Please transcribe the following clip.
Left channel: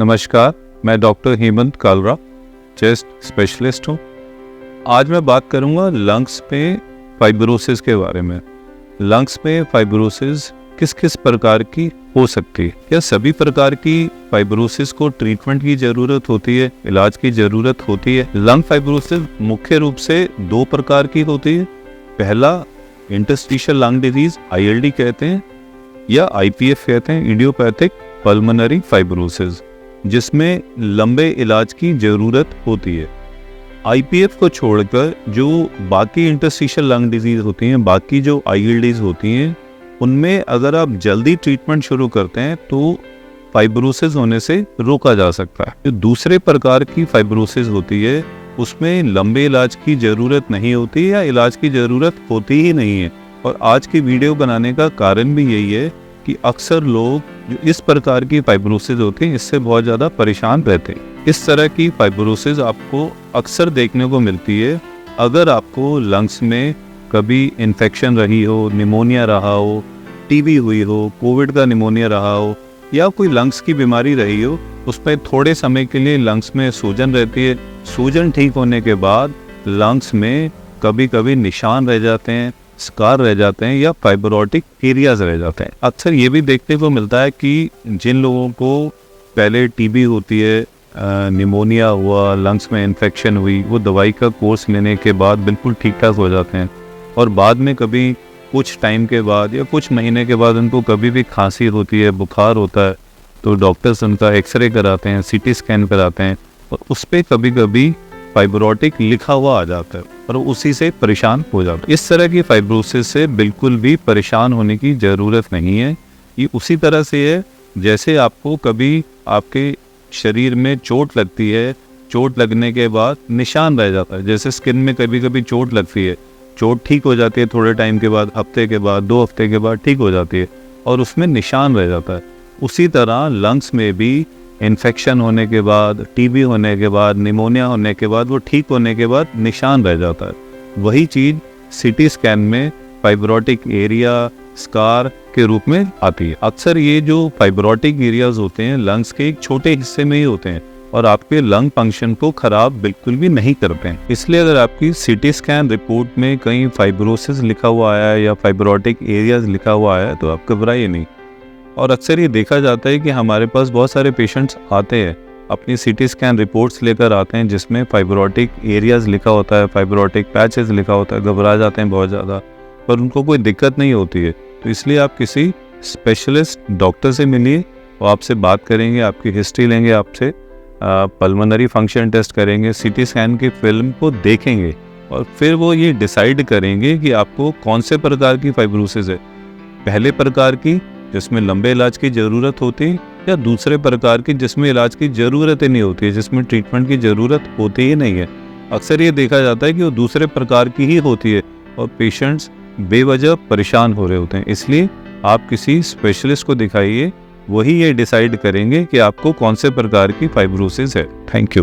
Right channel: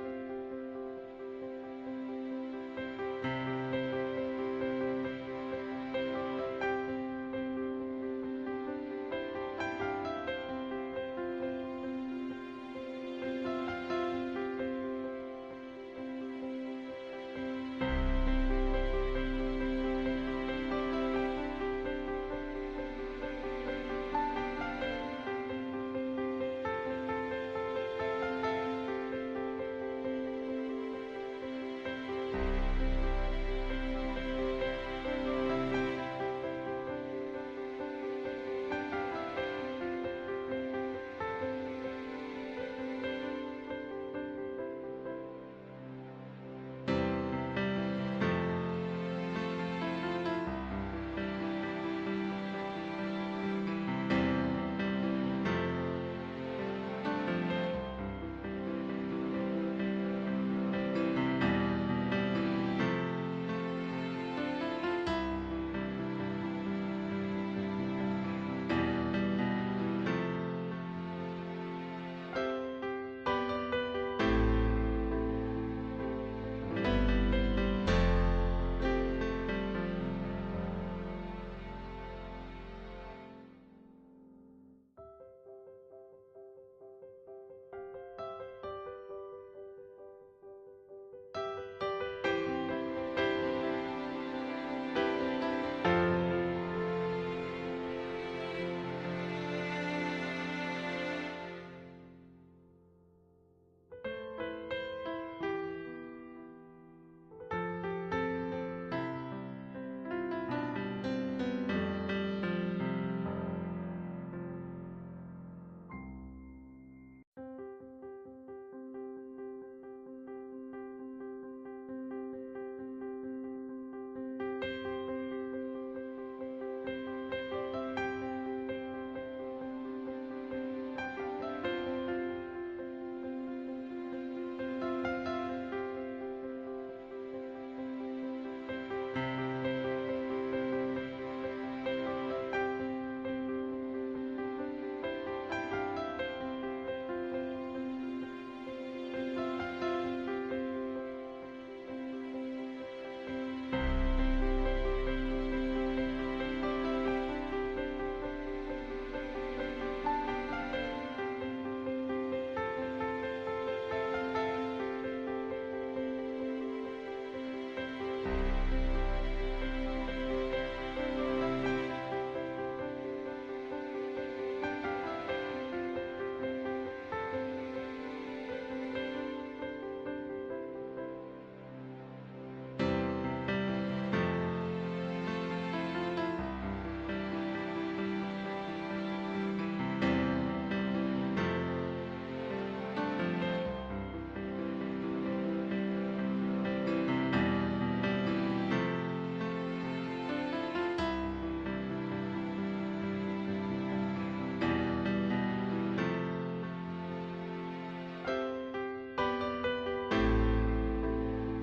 नमस्कार, मैं doctor Hemant Kalra, chest specialist हूँ। आज मैं बात करूँगा लंग्स में फाइब्रोसिस के बारे में। लंग्स में फाइब्रोसिस किस किस प्रकार की हो सकती है? क्या सभी प्रकार की फाइब्रोसिस को ट्रीटमेंट की ज़रूरत होती है, इलाज की ज़रूरत होती है? लंग फाइब्रोसिस मुख्य रूप से दो प्रकार की होती है। पहला इंटरस्टिशियल लंग डिजीज ILD कहते हैं या IPF कहते हैं, इडियोपैथिक पल्मोनरी फाइब्रोसिस, जिसमें लंबे इलाज की ज़रूरत होती है। IPF को छोड़कर जो बाकी इंटरस्टिशियल लंग डिजीज होती हैं, बाकी जो ILDs होती हैं, उनमें अगर आप जल्दी ट्रीटमेंट शुरू करते हैं तो फाइब्रोसिस होने से रोका जा सकता है। जो दूसरे प्रकार की फाइब्रोसिस होती है उसमें लंबे इलाज की ज़रूरत नहीं होती या इलाज की ज़रूरत होती ही नहीं है। और आज की वीडियो बनाने का कारण भी यही है कि अक्सर लोग जो इस प्रकार की फाइब्रोसिस होती है इससे बहुत ज़्यादा परेशान रहते हैं। इस तरह की फाइब्रोसिस आपको अक्सर देखने को मिलती है अगर आपको लंग्स में कभी इन्फेक्शन रही हो, निमोनिया रहा हो, TB हुई हो, कोविड का निमोनिया रहा हो या कोई लंग्स की बीमारी रही हो, उसमें थोड़े समय के लिए लंग्स में सूजन रहती है। सूजन ठीक होने के बाद लंग्स में कभी कभी निशान रह जाते हैं, स्कार रह जाते हैं या फाइब्रोटिक एरियाज रह जाते हैं। अक्सर ये भी देखने को मिलता है कि जिन लोगों को पहले TB होती है, निमोनिया हुआ, लंग्स में इन्फेक्शन हुई, वो दवाई का कोर्स लेने के बाद बिल्कुल ठीक ठाक हो जाते हैं और बाद में कभी कुछ टाइम के बाद या कुछ महीने के बाद उनको कभी भी खांसी होती है, बुखार होता है, तो डॉक्टर्स उनका एक्सरे कराते हैं, CT स्कैन कराते हैं और उस पर कभी कभी फाइब्रोटिक लिखा हुआ आ जाता है और उसी से परेशान हो जाता है। इस तरह की फाइब्रोसिस से बिल्कुल भी परेशान होने की ज़रूरत नहीं है। ये उसी तरह से है जैसे आपको कभी आपके शरीर में चोट लगती है, चोट लगने के बाद निशान रह जाता है। जैसे स्किन में कभी कभी चोट लगती है, चोट ठीक हो जाती है थोड़े टाइम के बाद, हफ्ते के बाद, 2 हफ्ते के बाद ठीक हो जाती है और उसमें निशान रह जाता है। उसी तरह लंग्स में भी इन्फेक्शन होने के बाद, TB होने के बाद, निमोनिया होने के बाद, वो ठीक होने के बाद निशान रह जाता है। वही चीज़ CT स्कैन में फाइब्रोटिक एरिया, स्कार के रूप में आती है। अक्सर ये जो फाइब्रोटिक एरियाज होते हैं लंग्स के एक छोटे हिस्से में ही होते हैं और आपके लंग फंक्शन को खराब बिल्कुल भी नहीं करते हैं। इसलिए अगर आपकी CT स्कैन रिपोर्ट में कहीं फाइब्रोसिस लिखा हुआ आया है या फाइब्रोटिक एरियाज लिखा हुआ आया है तो आप घबराइए नहीं। और अक्सर ये देखा जाता है कि हमारे पास बहुत सारे पेशेंट्स आते हैं, अपनी CT स्कैन रिपोर्ट्स लेकर आते हैं जिसमें फाइब्रोटिक एरियाज लिखा होता है, फाइब्रोटिक पैचेस लिखा होता है, घबरा जाते हैं बहुत ज़्यादा, पर उनको कोई दिक्कत नहीं होती है। तो इसलिए आप किसी स्पेशलिस्ट डॉक्टर से मिलिए, वो आपसे बात करेंगे, आपकी हिस्ट्री लेंगे, आपसे पल्मोनरी फंक्शन टेस्ट करेंगे, CT स्कैन की फिल्म को देखेंगे और फिर वो ये डिसाइड करेंगे कि आपको कौन से प्रकार की फाइब्रोसिस है। पहले प्रकार की जिसमें लंबे इलाज की ज़रूरत होती है या दूसरे प्रकार की जिसमें इलाज की ज़रूरत ही नहीं होती है, जिसमें ट्रीटमेंट की ज़रूरत होती ही नहीं है। अक्सर ये देखा जाता है कि वो दूसरे प्रकार की ही होती है और पेशेंट्स बेवजह परेशान हो रहे होते हैं। इसलिए आप किसी स्पेशलिस्ट को दिखाइए, वही ये डिसाइड करेंगे कि आपको कौन से प्रकार की फाइब्रोसिस है। Thank you.